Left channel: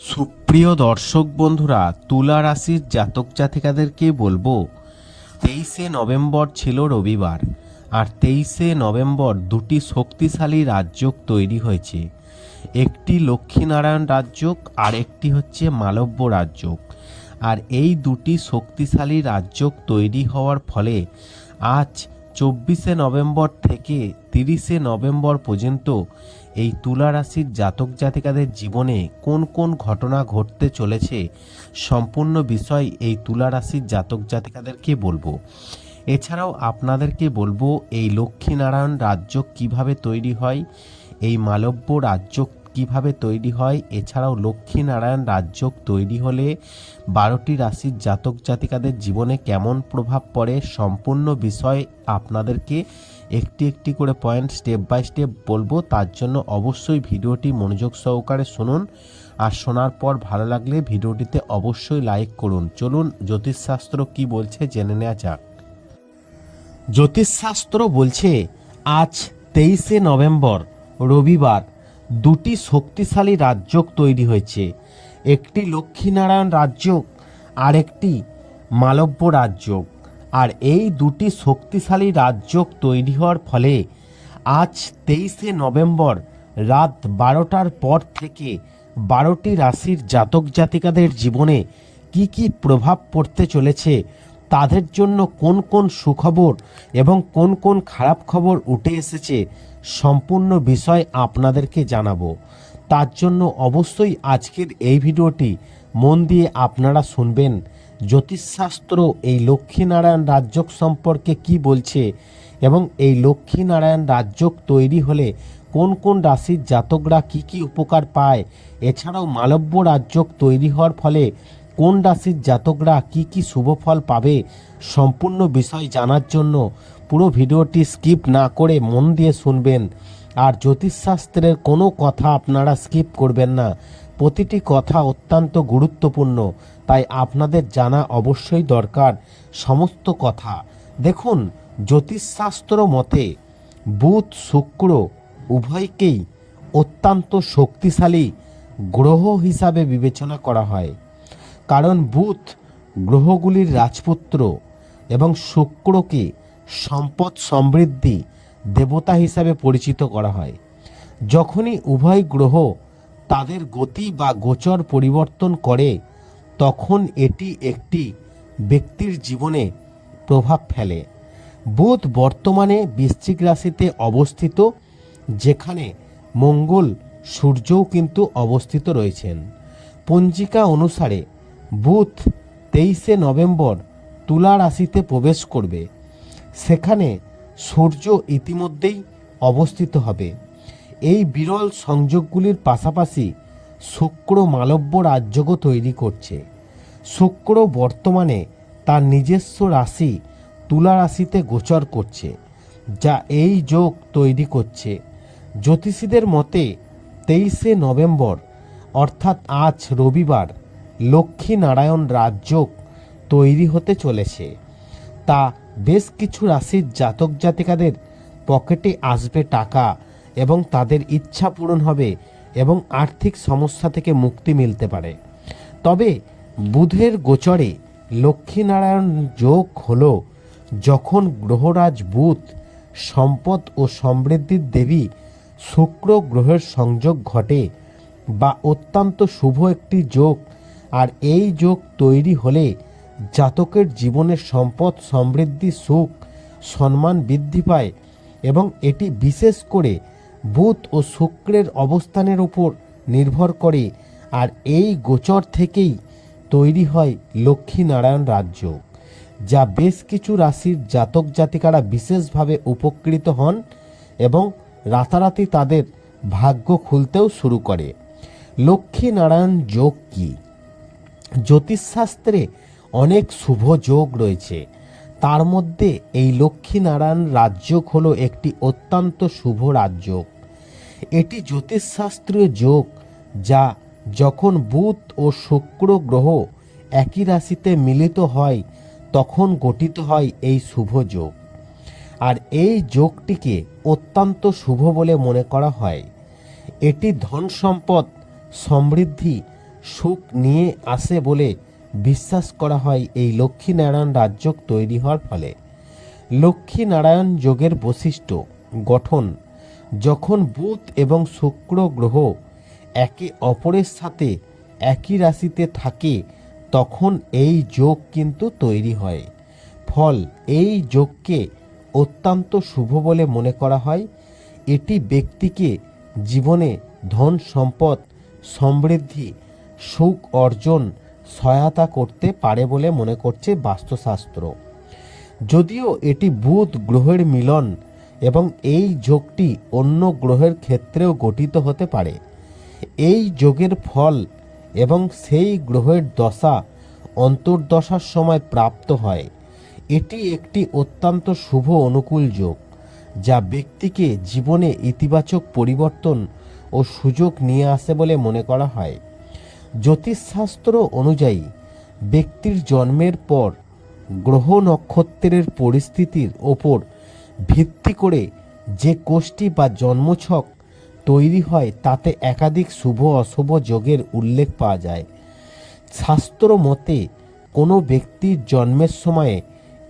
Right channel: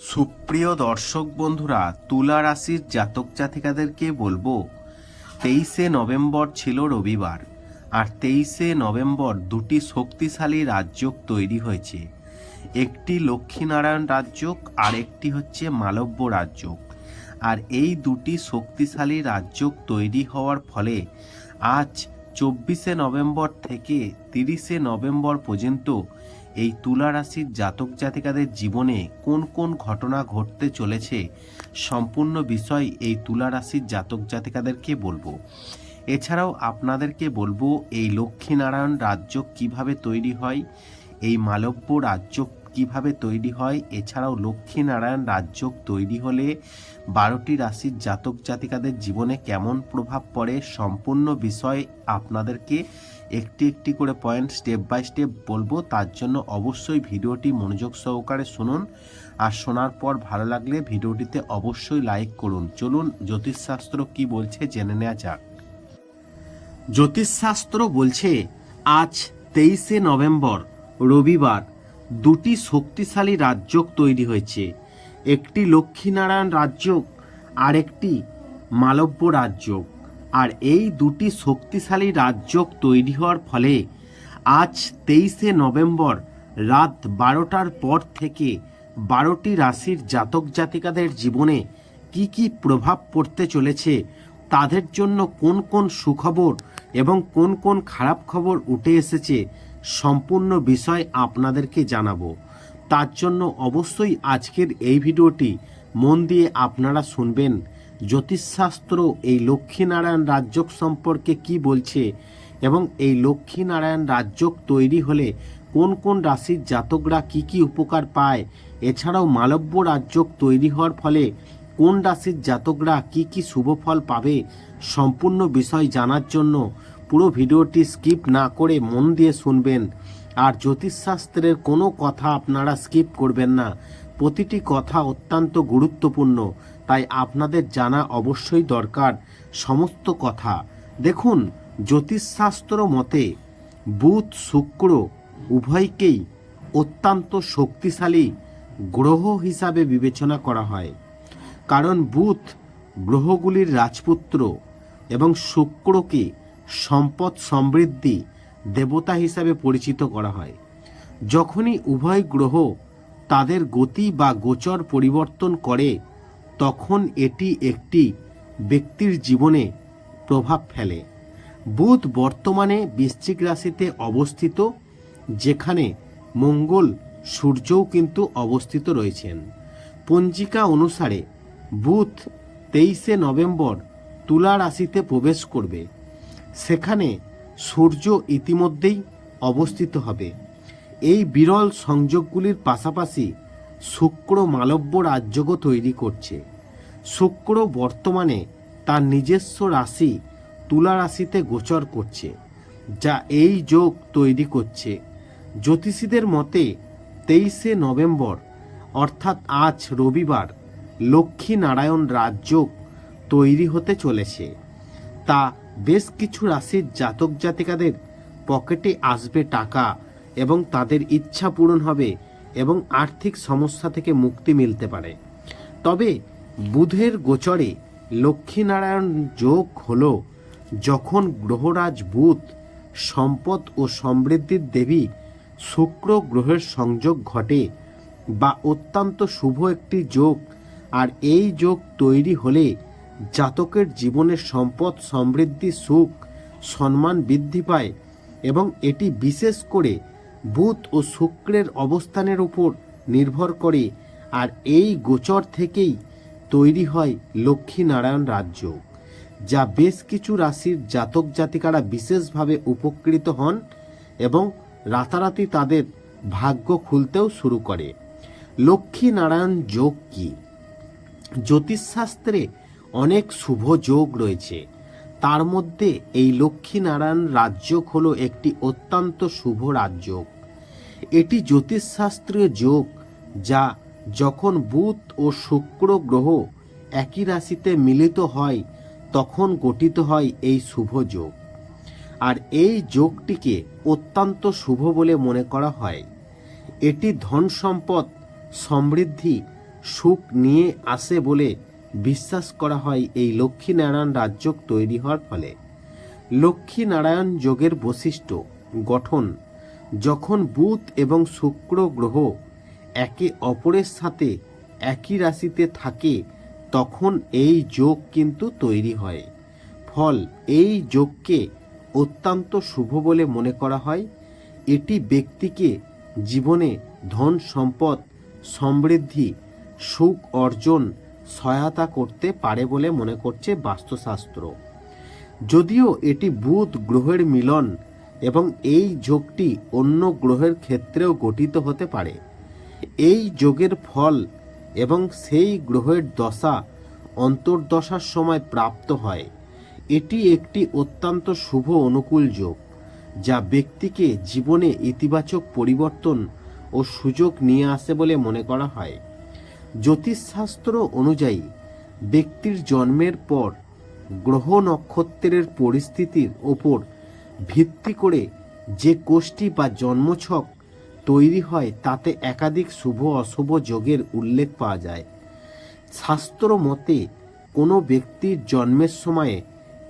সুপ্রিয় দর্শক বন্ধুরা, তুলা রাশির জাতক জাতিকাদেরকে বলব, তেইশে নভেম্বর ছিল রবিবার, আর তেইশে নভেম্বর দুটি শক্তিশালী রাজযোগ তৈরি হয়েছে। একটি লক্ষ্মীনারায়ণ রাজযোগ, আর একটি হচ্ছে মালব্য রাজযোগ। আর এই দুটি শক্তিশালী রাজযোগ তৈরি হওয়ার ফলে আজ চব্বিশে নভেম্বর থেকে তিরিশে নভেম্বর পর্যন্ত এই তুলা রাশির জাতক জাতিকাদের জীবনে কোন কোন ঘটনা ঘটতে চলেছে সম্পূর্ণ বিষয় এই তুলা রাশির জাতক জাতিকাদেরকে বলব। এছাড়াও আপনাদেরকে বলব, এই লক্ষ্মীনারায়ণ রাজ্য কীভাবে তৈরি হয়, এই মালব্য রাজ্য কীভাবে তৈরি হয়, এছাড়াও লক্ষ্মীনারায়ণ রাজ্য তৈরি হলে বারোটি রাশির জাতক জাতিকাদের জীবনে কেমন প্রভাব পড়ে, সম্পূর্ণ বিষয় আপনাদেরকে একটি একটি করে পয়েন্ট স্টেপ বাই স্টেপ বলব। তার জন্য অবশ্যই ভিডিওটি মনোযোগ সহকারে শুনুন। আর শোনার পর ভালো লাগলে ভিডিওটিতে অবশ্যই লাইক করুন। চলুন, জ্যোতিষশাস্ত্র কি বলছে জেনে নেওয়া যাক। জ্যোতিষশাস্ত্র বলছে, আজ তেইশে নভেম্বর, রবিবার দুটি শক্তিশালী রাজ্য তৈরি হয়েছে। একটি লক্ষ্মীনারায়ণ রাজ্য আর একটি মালব্য রাজ্য আর এই দুটি শক্তিশালী রাজ্য তৈরি হওয়ার ফলে আজ তেইশে নভেম্বর রাত বারোটার পর থেকে বারোটি রাশির জাতক জাতিকাদের জীবনে কি কি প্রভাব পড়তে চলেছে, তাদের জন্য কোন কোন সুখবর এবং কোন কোন খারাপ খবর উঠে এসেছে সম্পূর্ণ বিষয় আপনাদেরকে জানাব। তার জন্য অবশ্যই আজকের এই ভিডিওটি মন দিয়ে আপনারা শুনবেন। জ্যোতিষশাস্ত্র এই লক্ষ্মীনারায়ণ রাজ্যক সম্পর্কে কি বলছে এবং এই লক্ষ্মীনারায়ণ রাজ্যক তৈরি হলে কোন কোন রাশির জাতকরা কি কি উপকার পায়? এছাড়াও মালব্য রাজ্যক তৈরি হওয়ার ফলে কোন রাশির জাতকরা কি কি শুভ ফল পাবে? সম্পূর্ণ বিষয় জানার জন্য পুরো ভিডিওটি স্কিপ না করে মন দিয়ে শুনবেন। আর জ্যোতিষশাস্ত্রের কোনো কথা আপনারা স্কিপ করবেন না। প্রতিটি কথা অত্যন্ত গুরুত্বপূর্ণ। তাই আপনাদের জানা অবশ্যই দরকার সমস্ত কথা। দেখুন, জ্যোতিষশাস্ত্র মতে বুধ শুক্র উভয়কেই অত্যন্ত শক্তিশালী গ্রহ হিসাবে বিবেচনা করা হয়। কারণ বুধ গ্রহগুলির রাজপুত্র এবং শুক্রকে সম্পদ সমৃদ্ধি দেবতা হিসাবে পরিচিত করা হয়। যখনই উভয় গ্রহ তাদের গতি বা গোচর পরিবর্তন করে তখন এটি একটি ব্যক্তির জীবনে প্রভাব ফেলে। বুধ বর্তমানে বৃশ্চিক রাশিতে অবস্থিত, যেখানে মঙ্গল সূর্যও কিন্তু অবস্থিত রয়েছেন। পঞ্জিকা অনুসারে বুধ তেইশে নভেম্বর তুলা রাশিতে প্রবেশ করবে। সেখানে সূর্য ইতিমধ্যেই অবস্থিত হবে। এই বিরল সংযোগগুলির পাশাপাশি শুক্র মালব্য রাজ্যও তৈরি করছে। শুক্র বর্তমানে তার নিজস্ব রাশি তুলা রাশিতে গোচর করছে, যা এই যোগ তৈরি করছে। জ্যোতিষীদের মতে, তেইশে নভেম্বর, অর্থাৎ আজ রবিবার লক্ষ্মী নারায়ণ রাজযোগ তৈরি হতে চলেছে। তা বেশ কিছু রাশির জাতক জাতিকাদের পকেটে আসবে টাকা এবং তাদের ইচ্ছা পূরণ হবে এবং আর্থিক সমস্যা থেকে মুক্তি মিলতে পারে। তবে বুধের গোচরে লক্ষ্মীনারায়ণ যোগ হল যখন গ্রহরাজ বুধ সম্পদ ও সমৃদ্ধির দেবী শুক্র গ্রহের সংযোগ ঘটে বা অত্যন্ত শুভ একটি যোগ আর এই যোগ তৈরি হলে জাতকের জীবনে সম্পদ, সমৃদ্ধি, সুখ, সম্মান বৃদ্ধি পায় এবং এটি বিশেষ করে বুধ ও শুক্রের অবস্থানের উপর নির্ভর করে, আর এই গোচর থেকেই তৈরি হয় লক্ষ্মীনারায়ণ রাজ্য, যা বেশ কিছু রাশির জাতক জাতিকারা বিশেষভাবে উপকৃত হন এবং রাতারাতি তাদের ভাগ্য খুলতেও শুরু করে। লক্ষ্মীনারায়ণ যোগ কী? জ্যোতিষশাস্ত্রে অনেক শুভ যোগ রয়েছে। তার মধ্যে এই লক্ষ্মীনারায়ণ রাজযোগ হলো একটি অত্যন্ত শুভ রাজযোগ এটি জ্যোতিষশাস্ত্রীয় যোগ, যা যখন বুধ ও শুক্র গ্রহ একই রাশিতে মিলিত হয়, তখন গঠিত হয় এই শুভ যোগ। আর এই যোগটিকে অত্যন্ত শুভ বলে মনে করা হয়। এটি ধন সম্পদ, সমৃদ্ধি, সুখ নিয়ে আসে বলে বিশ্বাস করা হয় এই লক্ষ্মীনারায়ণ রাজ্য তৈরি হওয়ার ফলে। লক্ষ্মীনারায়ণ যোগের বৈশিষ্ট্য, গঠন যখন বুধ এবং শুক্র গ্রহ একে অপরের সাথে একই রাশিতে থাকে, তখন এই যোগ কিন্তু তৈরি হয়। ফল এই যোগকে অত্যন্ত শুভ বলে মনে করা হয়। এটি ব্যক্তিকে জীবনে ধন সম্পদ, সমৃদ্ধি, সুখ অর্জন, সহায়তা করতে পারে বলে মনে করছে বাস্তুশাস্ত্র। যদিও এটি বুধ গ্রহের মিলন এবং এই যোগটি অন্য গ্রহের ক্ষেত্রেও গঠিত হতে পারে। এই যোগের ফল এবং সেই গ্রহের দশা অন্তর্দশার সময় প্রাপ্ত হয়। এটি একটি অত্যন্ত শুভ অনুকূল যোগ, যা ব্যক্তিকে জীবনে ইতিবাচক পরিবর্তন ও সুযোগ নিয়ে আসে বলে মনে করা হয়। জ্যোতিষশাস্ত্র অনুযায়ী, ব্যক্তির জন্মের পর গ্রহ নক্ষত্রের পরিস্থিতির ওপর ভিত্তি করে যে কোষ্ঠী বা জন্মছক তৈরি হয়, তাতে একাধিক শুভ অশুভ যোগের উল্লেখ পাওয়া যায়। শাস্ত্র মতে, কোনো ব্যক্তির জন্মের সময়ে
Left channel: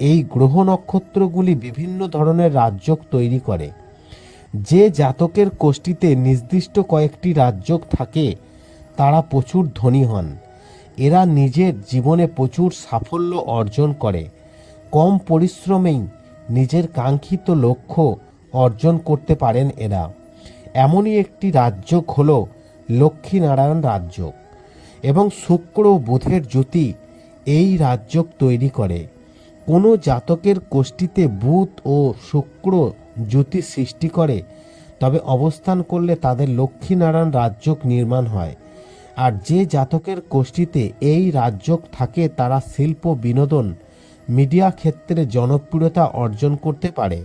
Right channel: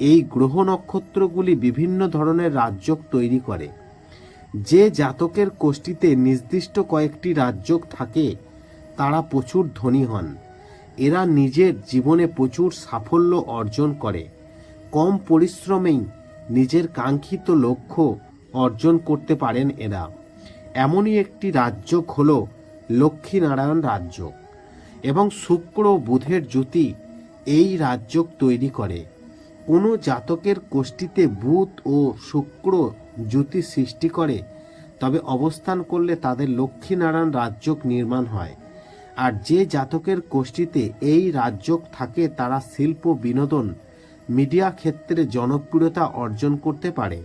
এই গ্রহ নক্ষত্রগুলি বিভিন্ন ধরনের রাজযোগ তৈরি করে। যে জাতকের কোষ্ঠীতে নির্দিষ্ট কয়েকটি রাজযোগ থাকে, তারা প্রচুর ধনী হন। এরা নিজের জীবনে প্রচুর সাফল্য অর্জন করে। কম পরিশ্রমেই নিজের কাঙ্ক্ষিত লক্ষ্য অর্জন করতে পারেন এরা। এমনই একটি রাজ্য হল লক্ষ্মীনারায়ণ রাজ্য এবং শুক্র বুধের জ্যোতি এই রাজ্য তৈরি করে। কোনো জাতকের কোষ্ঠীতে বুধ ও শুক্র জ্যোতি সৃষ্টি করে, তবে অবস্থান করলে তাদের লক্ষ্মীনারায়ণ রাজ্যক নির্মাণ হয়। আর যে জাতকের কোষ্ঠীতে এই রাজ্য থাকে, তারা শিল্প বিনোদন মিডিয়া ক্ষেত্রে জনপ্রিয়তা অর্জন করতে পারে।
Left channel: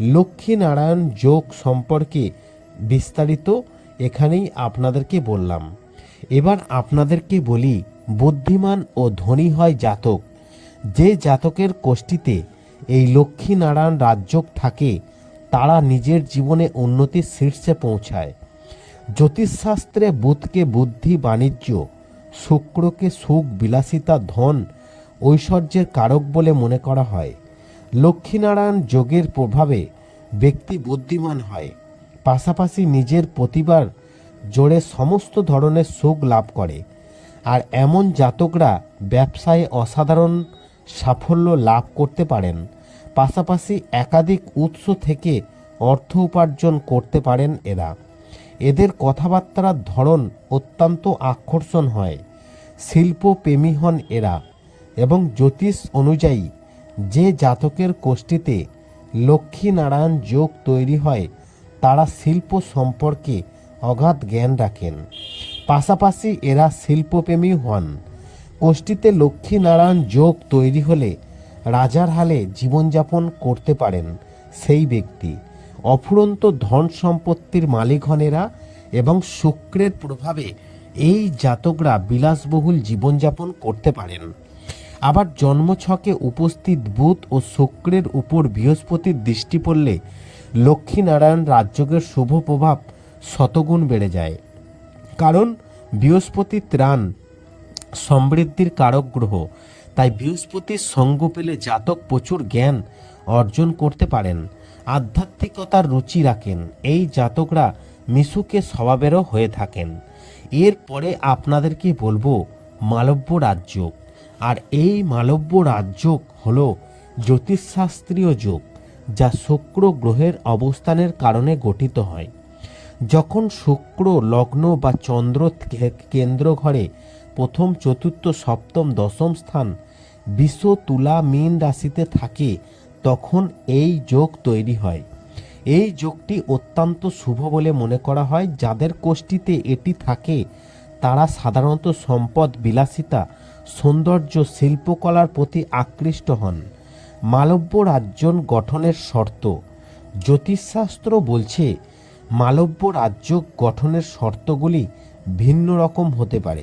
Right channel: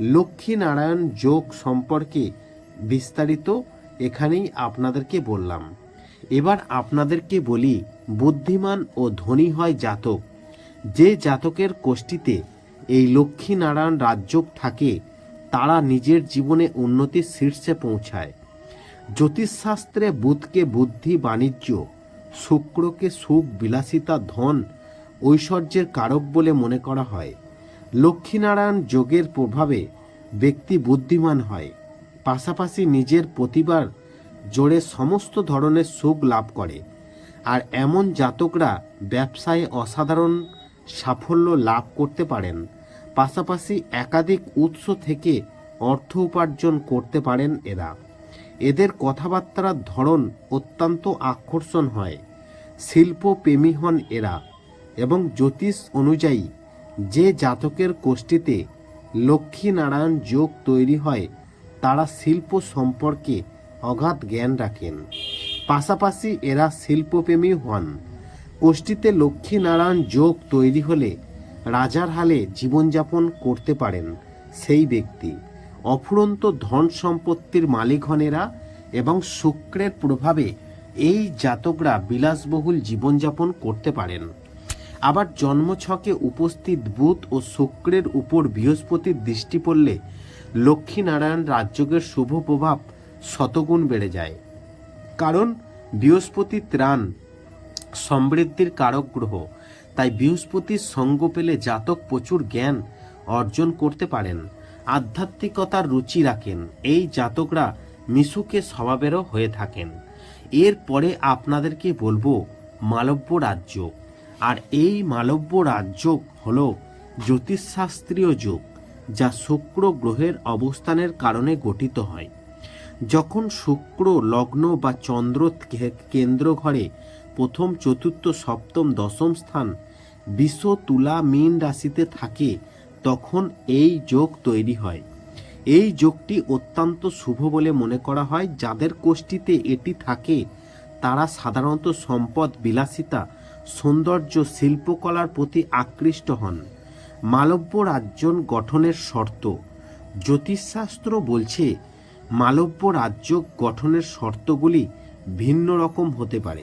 লক্ষ্মীনারায়ণ যোগ সম্পর্কে বিস্তারিত এখানেই আপনাদেরকে বললাম। এবার আপনাদেরকে বলি, বুদ্ধিমান ও ধনী হয় জাতক। যে জাতকের কোষ্ঠীতে এই লক্ষ্মীনারায়ণ রাজ্যক থাকে, তারা নিজের জীবনে উন্নতির শীর্ষে পৌঁছায়। জ্যোতিষশাস্ত্রে বুধকে বুদ্ধি বাণিজ্য, শুক্রকে সুখ বিলাসিতা ধন ঐশ্বর্যের কারক বলে মনে করা হয়। লক্ষ্মীনারায়ণ যোগের প্রভাবে ব্যক্তি বুদ্ধিমান হয়। পাশাপাশি নিজের প্রতিবার জোরে সমস্ত ধরনের সুখ লাভ করে। আর এমন জাতকরা ব্যবসায় অসাধারণ সাফল্য লাভ করতে পারেন। পাশাপাশি একাধিক উৎস থেকে অর্থ উপার্জন করতে পারেন এরা। এদের কথাবার্তার ধরন অত্যন্ত আকর্ষণ হয়। শিল্পপ্রেমী হন এরা। এবং জ্যোতিষ অনুযায়ী যে জাতকের কোষ্ঠীতে লক্ষ্মীনারায়ণ যোগ তৈরি হয়, তারা শিল্প সম্পর্কে অগাধ জ্ঞান রাখেন। পাশাপাশি এরা শিল্পপ্রেমী হন। কোষ্ঠীতে লক্ষ্মীনারায়ণ যোগ তৈরি হলে রাজার হালে জীবনযাপন করতে পারেন সেই ব্যক্তি। অফুরন্ত ধন সম্পত্তির মালিক হন এরা এবং শুক্রের প্রভাবে এই জাতকরা বিলাসবহুল জীবনযাপন করতে পারেন। আবার জন্মছকে উপস্থিত বুধ ও শুক্রের উপর বৃহস্পতির দৃষ্টি পড়লে লক্ষ্মীনারায়ণ রাজ্যকের শুভ প্রভাব শতগুণ বেড়ে যায়। কারণ বৃহস্পতি ত্রাণ সমৃদ্ধির কারক গ্রহ, তাই বৃহস্পতির সঙ্গ পেলে জাতক প্রচুর জ্ঞান অর্জন করতে পারেন, আধ্যাত্মিকতার রুচি রাখেন, এই জাতকরা মিশুকে স্বভাবেরও হয়ে থাকেন। এরপরে আপনাদেরকে বলব মালব্য রাজ্য আর এই মালব্য রাজ্য হল জ্যোতিষশাস্ত্রীয় যোগ, যা শুক্র গ্রহের অবস্থানের কারণে গঠিত হয়। যখন শুক্র লগ্ন বা চন্দ্র কেন্দ্র ঘরে প্রথম, চতুর্থ, সপ্তম, দশম স্থান বিশ্ব তুলা মীন রাশিতে থাকে, তখন এই যোগ তৈরি হয়। এই যোগটি অত্যন্ত শুভ বলে মনে করা হয়। যাদের কোষ্ঠীতে এটি থাকে, তারা সাধারণত সম্পদ, বিলাসিতা সৌন্দর্য শিল্পকলার প্রতি আকৃষ্ট হন। মালব্য রাজ্য গঠনের শর্ত। জ্যোতিষশাস্ত্র বলছে, মালব্য রাজ্য গঠনের শর্তগুলি ভিন্ন রকম হতে পারে।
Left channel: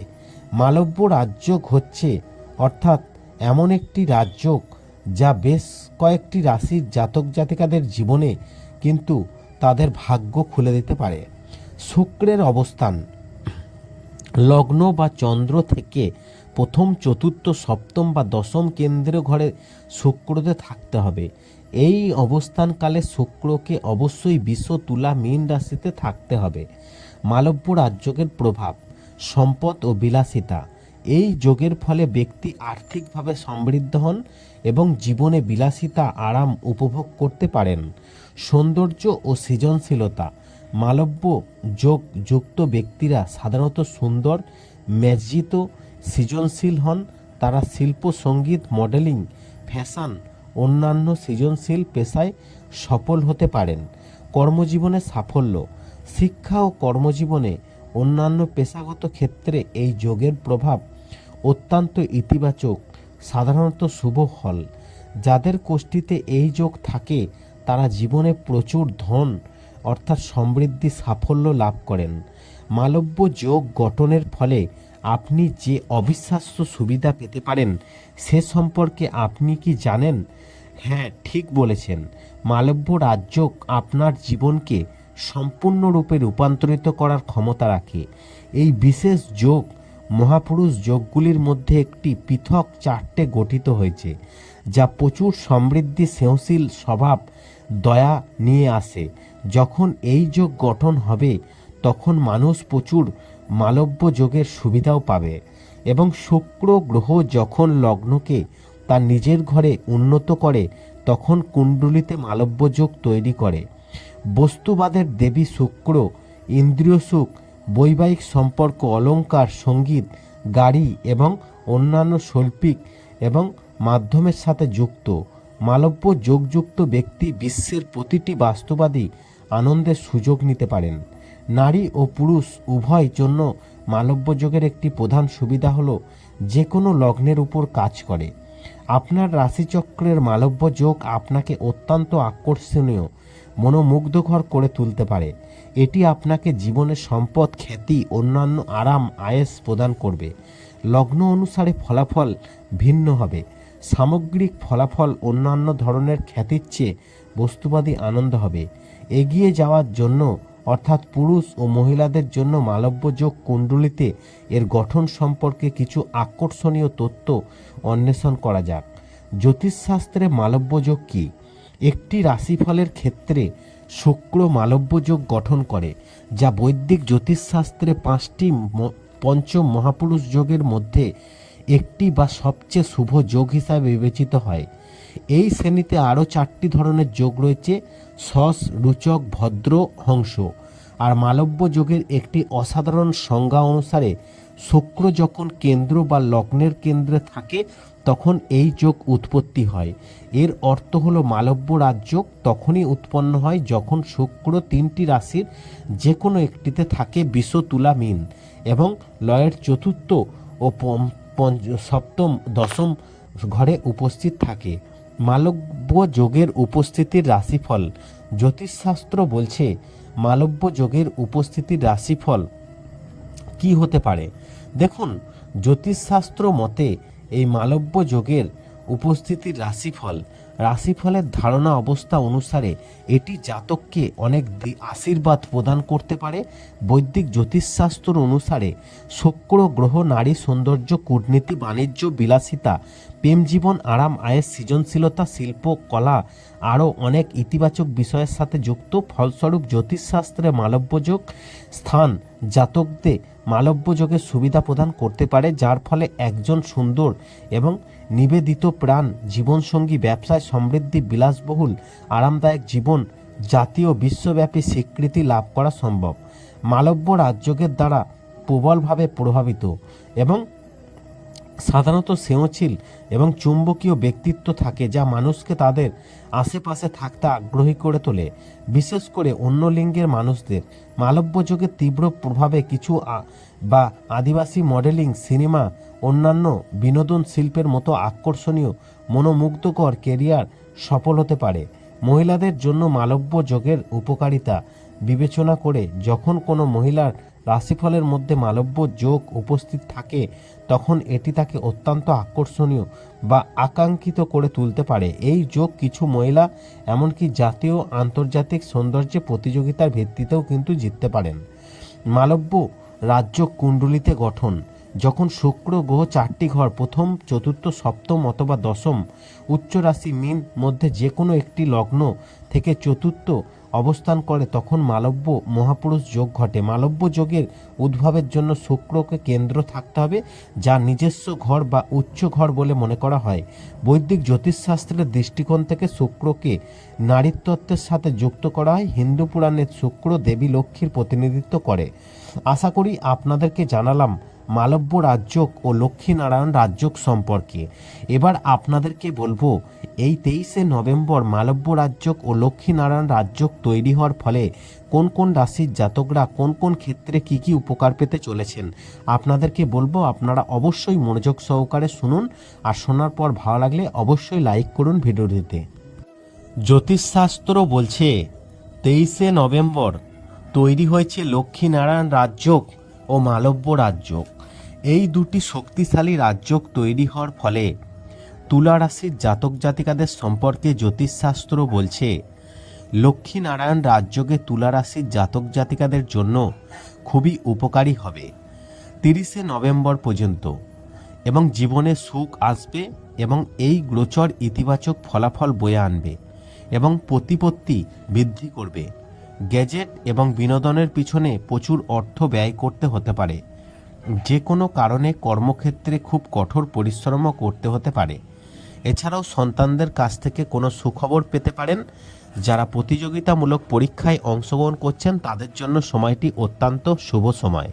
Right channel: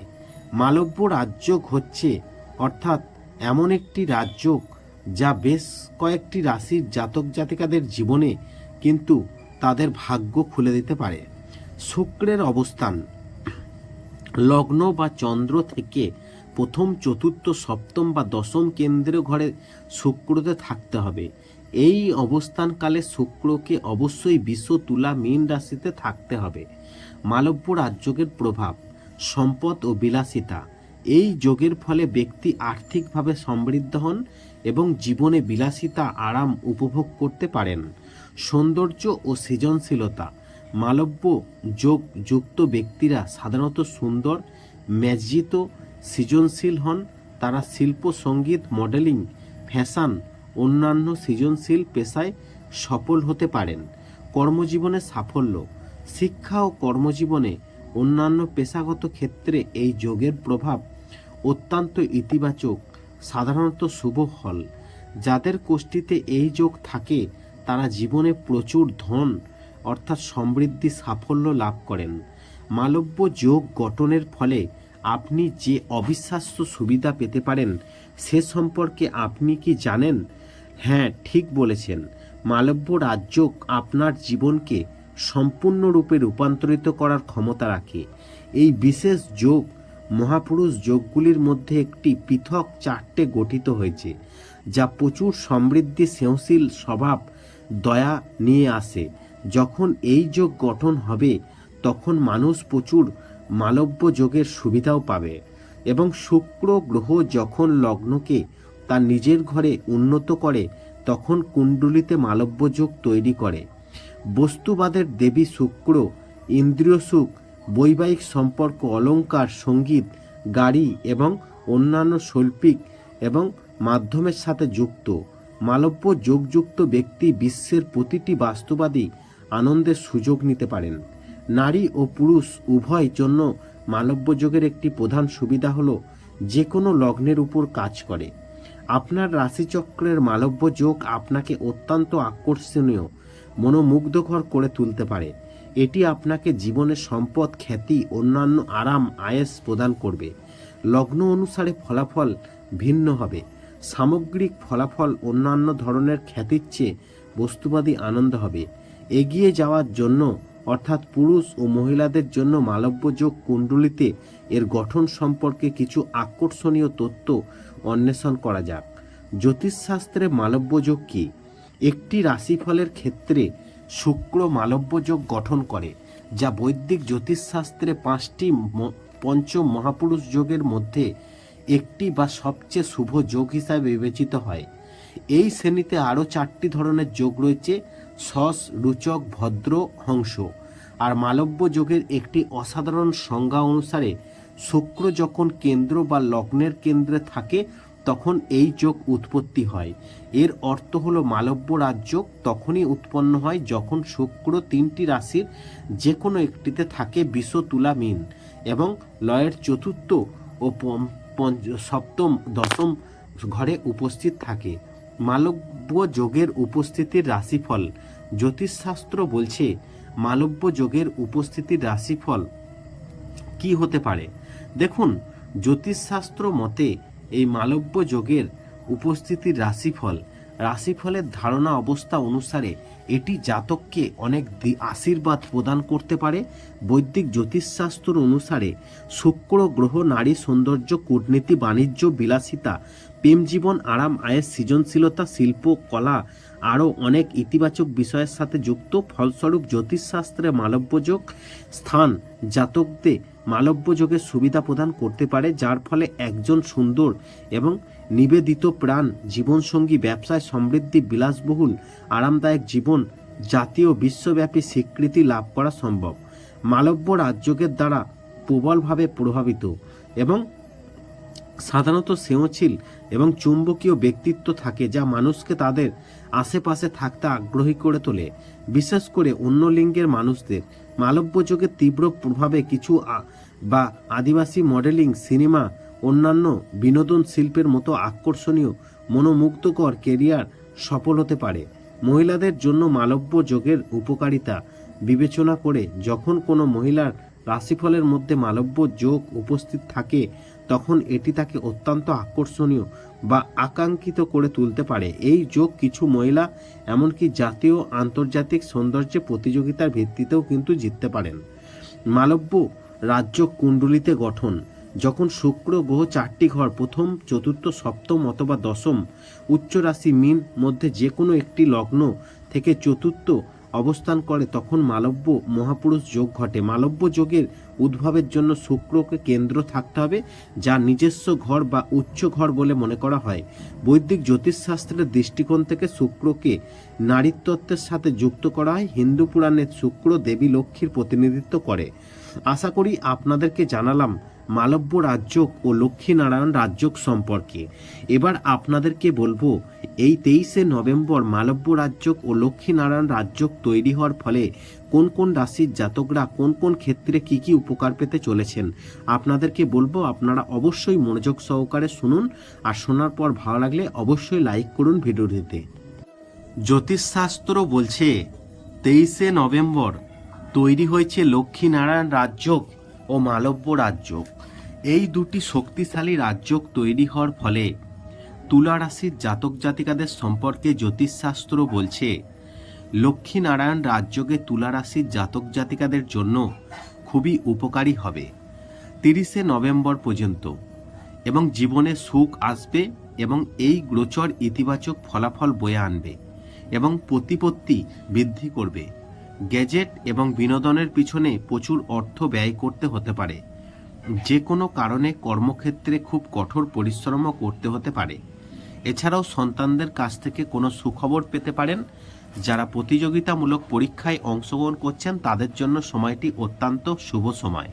মালব্য রাজ্য হচ্ছে, অর্থাৎ এমন একটি রাজ্য যা বেশ কয়েকটি রাশির জাতক জাতিকাদের জীবনে কিন্তু তাদের ভাগ্য খুলে দিতে পারে। শুক্রের অবস্থান। লগ্ন বা চন্দ্র থেকে প্রথম, চতুর্থ, সপ্তম বা দশম কেন্দ্রীয় ঘরে শুক্রতে থাকতে হবে। এই অবস্থানকালে শুক্রকে অবশ্যই বিশ্ব তুলা মীন রাশিতে থাকতে হবে। মালব্য রাজযোগের প্রভাব, সম্পদ ও বিলাসিতা, এই যোগের ফলে ব্যক্তি আর্থিকভাবে সমৃদ্ধ হন এবং জীবনে বিলাসিতা, আরাম উপভোগ করতে পারেন। সৌন্দর্য ও সৃজনশীলতা, মালব্য যোগ যুক্ত ব্যক্তিরা সাধারণত সুন্দর, মেজ্জিত সৃজনশীল হন। তারা শিল্প, সংগীত, মডেলিং, ফ্যাশন, অন্যান্য সৃজনশীল পেশায় সফল হতে পারেন। কর্মজীবনে সাফল্য। শিক্ষা ও কর্মজীবনে অন্যান্য পেশাগত ক্ষেত্রে এই যোগের প্রভাব অত্যন্ত ইতিবাচক, সাধারণত শুভ ফল। যাদের কোষ্ঠীতে এই যোগ থাকে, তারা জীবনে প্রচুর ধন, অর্থাৎ সমৃদ্ধি, সাফল্য লাভ করেন। মালব্য যোগ গঠনের ফলে আপনি যে অবিশ্বাস্য সুবিধা পেতে পারেন, সে সম্পর্কে আপনি কি জানেন? হ্যাঁ ঠিক বলেছেন। মালব্য রাজ্য আপনার জীবনকে সম্পূর্ণরূপে রূপান্তরিত করার ক্ষমতা রাখে। এই বিশেষ যোগ, মহাপুরুষ যোগগুলির মধ্যে একটি পৃথক চারটে গঠিত হয়েছে, যা প্রচুর সমৃদ্ধি স্নেহশীল স্বভাব, দয়া নিয়ে আসে। যখন এই যোগ গঠন হবে, তখন মানুষ প্রচুর মালব্য যোগের সুবিধাও পাবে এবং শুক্র গ্রহ যখন লগ্নকে তার নিজের ঘরে উন্নত করে, তখন কুণ্ডলিতে মালব্য যোগ তৈরি করে। বস্তুবাদের দেবী শুক্র, ইন্দ্রিয় সুখ, বৈবাহিক সম্পর্ক অলঙ্কার সংগীত, গাড়ি এবং অন্যান্য শৈল্পিক এবং মাধ্যমের সাথে যুক্ত। মালব্য যোগযুক্ত ব্যক্তি বিশ্বের প্রতিটি বাস্তবাদী আনন্দের সুযোগ নিতে পারেন। নারী ও পুরুষ উভয় জন্য মালব্য যোগের একটি প্রধান সুবিধা হলো যে কোনো লগ্নের উপর কাজ করে। আপনার রাশিচক্রের মালব্য যোগ আপনাকে অত্যন্ত আকর্ষণীয়, মনোমুগ্ধকর করে তুলতে পারে। এটি আপনাকে জীবনের সম্পদ, খ্যাতি, অন্যান্য আরাম, আয়েস প্রদান করবে। লগ্ন অনুসারে ফলাফল ভিন্ন হবে। সামগ্রিক ফলাফল অন্যান্য ধরনের খ্যাতির চেয়ে বস্তুবাদী আনন্দ হবে। এগিয়ে যাওয়ার জন্য অর্থাৎ পুরুষ ও মহিলাদের জন্য মালব্য যোগ কুণ্ডলিতে এর গঠন সম্পর্কে কিছু আকর্ষণীয় তথ্য অন্বেষণ করা যাক। জ্যোতিষশাস্ত্রে মালব্য যোগ কী? একটি রাশিফলের ক্ষেত্রে শুক্র মালব্য যোগ গঠন করে, যা বৈদিক জ্যোতিষশাস্ত্রে পাঁচটি পঞ্চম মহাপুরুষ যোগের মধ্যে একটি বা সবচেয়ে শুভ যোগ হিসাবে বিবেচিত হয়। এই শ্রেণীতে আরও চারটি ধরনের যোগ রয়েছে, সস, রুচক, ভদ্র, হংস। আর মালব্য যোগের একটি অসাধারণ সংজ্ঞা অনুসারে শুক্র যখন কেন্দ্র বা লগ্নের কেন্দ্রে থাকে, তখন এই যোগ উৎপত্তি হয়। এর অর্থ হলো মালব্য রাজ্য তখনই উৎপন্ন হয় যখন শুক্র তিনটি রাশির যে কোনো একটিতে থাকে বিষ তুলা মিন এবং লয়ের চতুর্থ ও সপ্তম, দশম ঘরে উপস্থিত থাকে। মালব্য যোগের উপস্থিতির রাশিফল। জ্যোতিষশাস্ত্র বলছে মালব্য যোগের উপস্থিতির রাশিফল কি হতে পারে? দেখুন, জ্যোতিষশাস্ত্র মতে এই মালব্য যোগের উপস্থিতির রাশিফল, রাশিফলের ধারণা অবস্থা অনুসারে এটি জাতককে অনেক আশীর্বাদ প্রদান করতে পারে। বৈদিক জ্যোতিষশাস্ত্র অনুসারে শুক্র, গ্রহ, নারী, সৌন্দর্য, কূটনীতি, বাণিজ্য, বিলাসিতা প্রেম জীবন, আরাম, আয়ের সৃজনশীলতা, শিল্প, কলা আরও অনেক ইতিবাচক বিষয়ের সাথে যুক্ত। ফলস্বরূপ জ্যোতিষশাস্ত্রে মালব্যযোগ স্থান জাতকদের মালব্যযোগের সুবিধা প্রদান করতে পারে, যার ফলে একজন সুন্দর এবং নিবেদিত প্রাণ, জীবনসঙ্গী, ব্যবসায় সমৃদ্ধি, বিলাসবহুল, আরামদায়ক জীবন, জাতীয় বিশ্বব্যাপী স্বীকৃতি লাভ করা সম্ভব। মালব্য রাজযোগের দ্বারা প্রবলভাবে প্রভাবিত এবং সাধারণত স্নেহশীল এবং চুম্বকীয় ব্যক্তিত্ব থাকে যা মানুষকে তাদের আশেপাশে থাকতে আগ্রহী করে তোলে। বিশেষ করে অন্য লিঙ্গের মানুষদের। মালব্য যুগের তীব্র প্রভাবে কিছু বা আদিবাসী মডেলিং, সিনেমা, অন্যান্য বিনোদন শিল্পের মতো আকর্ষণীয়, মনোমুগ্ধকর কেরিয়ার সফল হতে পারে। মহিলাদের জন্য মালব্য যোগের উপকারিতা বিবেচনা করে যখন কোনো মহিলার রাশিফলের মধ্যে মালব্য যোগ উপস্থিত থাকে তখন এটি তাকে অত্যন্ত আকর্ষণীয় বা আকাঙ্ক্ষিত করে তুলতে পারে। এই যোগ কিছু মহিলা, এমনকি জাতীয় আন্তর্জাতিক সৌন্দর্য প্রতিযোগিতার ভিত্তিতেও কিন্তু জিততে পারেন। মালব্য রাজ্য কুণ্ডলিতে গঠন। যখন শুক্র গ্রহ চারটি ঘর, প্রথম, চতুর্থ, সপ্তম অথবা দশম উচ্চ রাশি মিন মধ্যে যে কোনো একটি লগ্ন থেকে চতুর্থ অবস্থান করে তখন মালব্য মহাপুরুষ যোগ ঘটে। মালব্য যোগের উদ্ভবের জন্য শুক্রকে কেন্দ্র থাকতে হবে, যা নিজস্ব ঘর বা উচ্চ ঘর বলে মনে করা হয়। বৈদিক জ্যোতিষশাস্ত্রের দৃষ্টিকোণ থেকে শুক্রকে নারীতত্ত্বের সাথে যুক্ত করা হয়। হিন্দু পুরাণের শুক্র দেবী লক্ষ্মীর প্রতিনিধিত্ব করে। আশা করি আপনাদেরকে জানালাম মালব্য রাজ্যক ও লক্ষ্মীনারায়ণ রাজ্যক সম্পর্কে। এবার আপনাদেরকে বলব, এই তেইশে নভেম্বর মালব্য রাজ্যক ও লক্ষ্মীনারায়ণ রাজ্যক তৈরি হওয়ার ফলে কোন কোন রাশির জাতকরা কোন কোন ক্ষেত্রে কি কি উপকার পেতে চলেছেন, আপনাদেরকে বলব, আপনারা অবশ্যই মনোযোগ সহকারে শুনুন আর শোনার পর ভালো লাগলে অবশ্যই লাইক করুন ভিডিওটিতে। জ্যোতিষশাস্ত্র বলছে, তেইশে নভেম্বর তৈরি হয়েছে লক্ষ্মীনারায়ণ রাজ্যক ও মালব্য রাজ্য। এই দুটি শক্তিশালী রাজ্য তৈরি হওয়ার ফলে তুলা রাশির জাতক জাতিকাদের সম্পর্কে জ্যোতিষশাস্ত্র বলছে, লক্ষ্মীনারায়ণ রাজ্যকে তুলা রাশির জাতক জাতিকাদের জন্য খুবই উপকারী হবে। তিরিশে নভেম্বর পর্যন্ত এবং জীবনে সুখ আসবে এবং এই গোচর ইতিবাচক ফলাফল বয়ে আনবে এবং প্রতিপত্তি বৃদ্ধি করবে। গ্যাজেট এবং বিনোদনের পিছনে প্রচুর অর্থ ব্যয় করতে হতে পারে। যে কোনো কারণে কর্মক্ষেত্রে খুব কঠোর পরিশ্রমও করতে হতে পারে। এছাড়াও সন্তানদের কাছ থেকে কোনো সুখবর পেতে পারেন। যারা প্রতিযোগিতামূলক পরীক্ষায় অংশগ্রহণ করছেন, তাদের জন্য সময়টি অত্যন্ত শুভ সময়।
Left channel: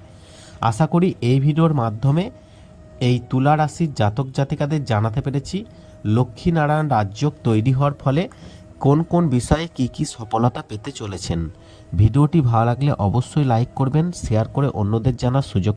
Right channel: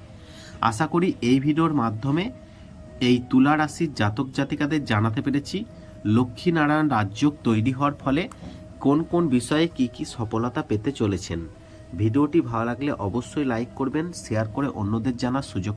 আশা করি এই ভিডিওর মাধ্যমে এই তুলা রাশির জাতক জাতিকাদের জানাতে পেরেছি। লক্ষ্মীনারায়ণ রাজ্য তৈরি হওয়ার ফলে কোন কোন বিষয়ে কি কি সফলতা পেতে চলেছেন? ভিডিওটি ভালো লাগলে অবশ্যই লাইক করবেন শেয়ার করে অন্যদের জানার সুযোগ